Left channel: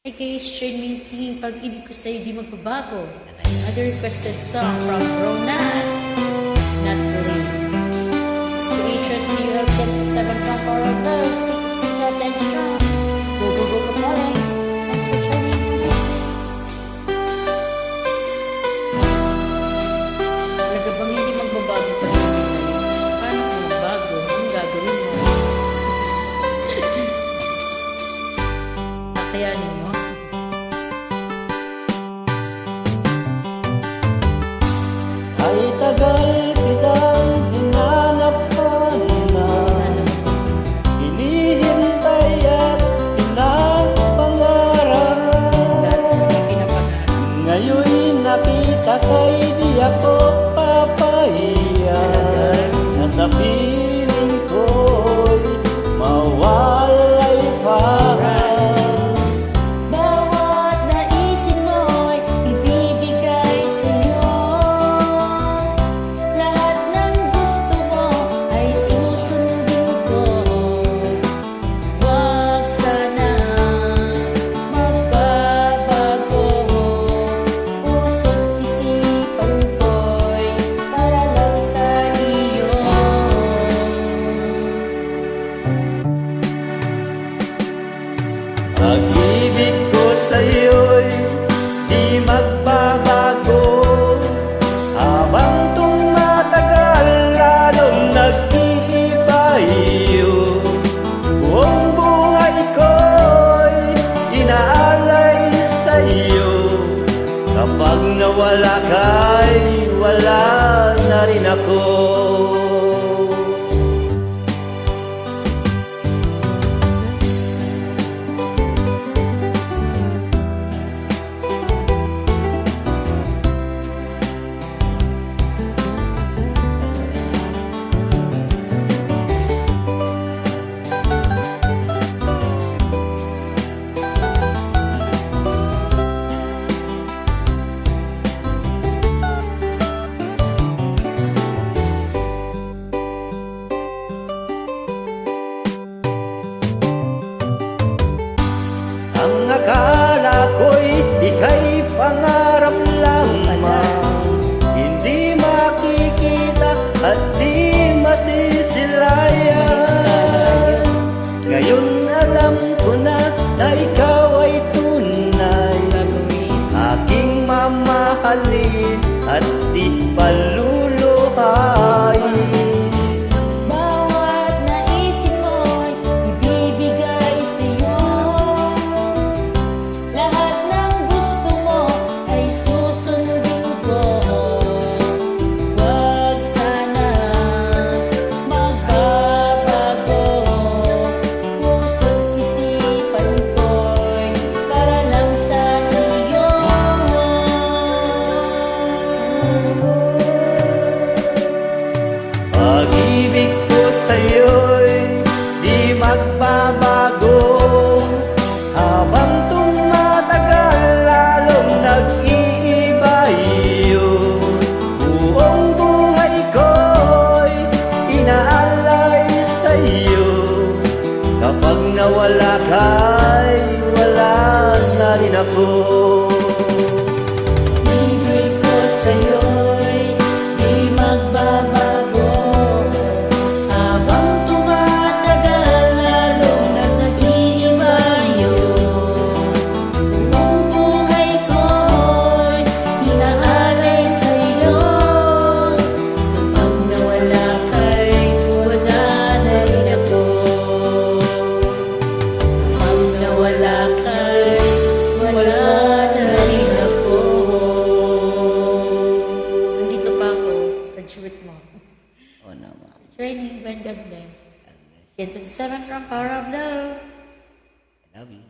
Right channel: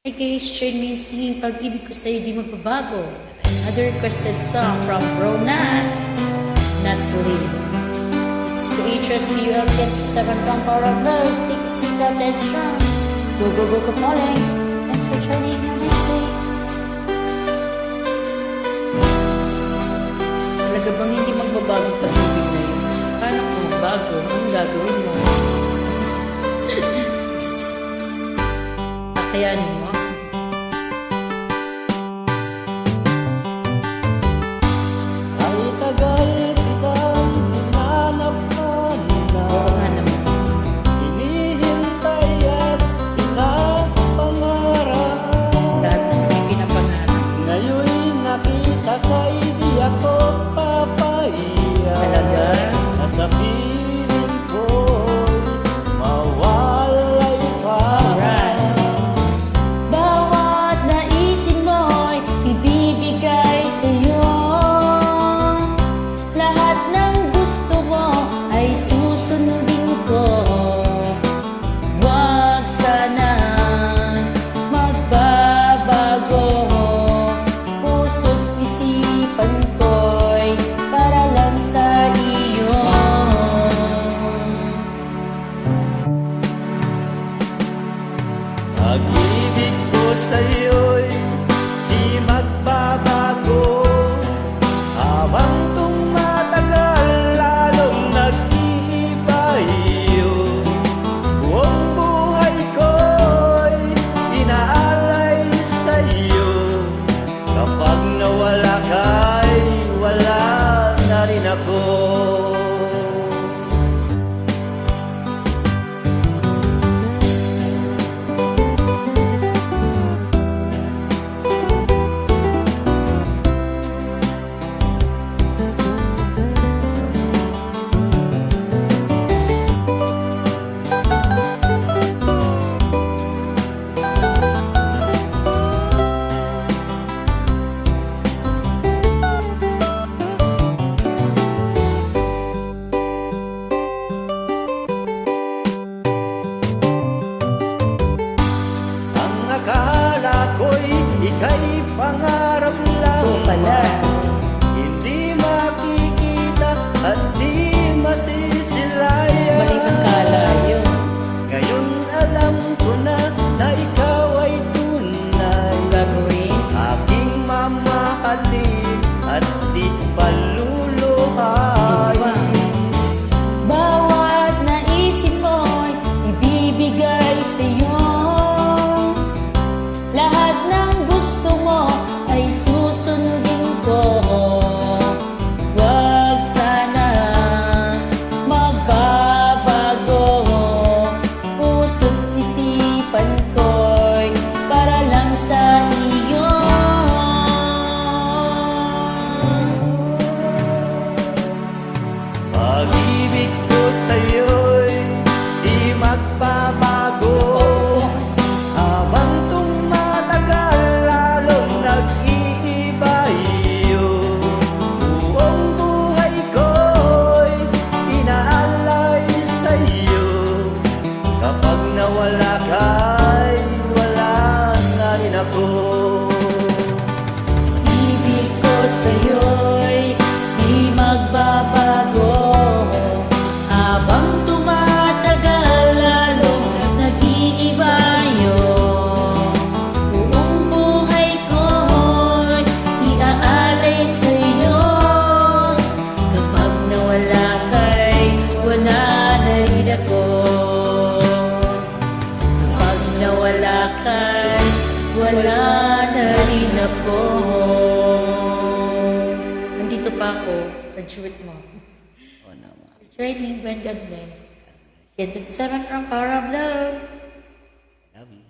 Hi guys, join me in singing Pag-ibig ko sa'yo di magbabago. Another requested song from Bro Nat, Not Believe. This is Creatures QL 27 from Power of Love. Stick it, sweet out and strong. Go, go, go, Kapolings. Thanks for joining. Have a nice day. Talaga bang hindi magbabagong pag-ibig na yun? Paano kung magbago? Anong gagawin mo? Kakayanin mo? Ay tagal kitang hinanapan na hinihintay at pinapangarap. Dati mo yung pinapangarap? Ngayon'y nakita kay di ako papahiya. Talaga? Na sa piling ko'y mawalay pa. Alright. Pag-ibig ko sa'yo'y di magbabago. Habang tumatagal lalong nag-iiba iyo. Buong buhay ko'y inaalay sa'yo. Kapag nawala ka'y wala na rin ako. Ang akala ko'y ika'y pangarap lamang, hindi makikita at di masisilayan. Mali ang kala yun. Ngayon alam ko na ikaw ay tunay. Gagawin? Aking mamahalin at di paluluhayin. Bawat naisip mo'y ibibigay sa'yo. Lahat ng gusto mo ay susundin ko. Wag sana magbabago. Puso't isipan ko'y para lang sa iyo. Pag-ibig ko sa'yo'y di magbabago. Habang tumatagal lalong nag-iiba iyo. Buong buhay ko'y inaalay sa'yo. Kapag nawala ka'y wala na rin ako. Ibig ko sa'yo'y di magbabago. Habang tumatagal lalong nag-iiba yun. Buong buhay ko'y inaalay sa'yo. Kapag nawala ka'y wala na rin ako. Kapag nawala ka'y wala na rin ako. Nandito pa ako. Pag-shoot mo. Oo naman. Training, when God bless. Get to 7 from Power of Love. I love you.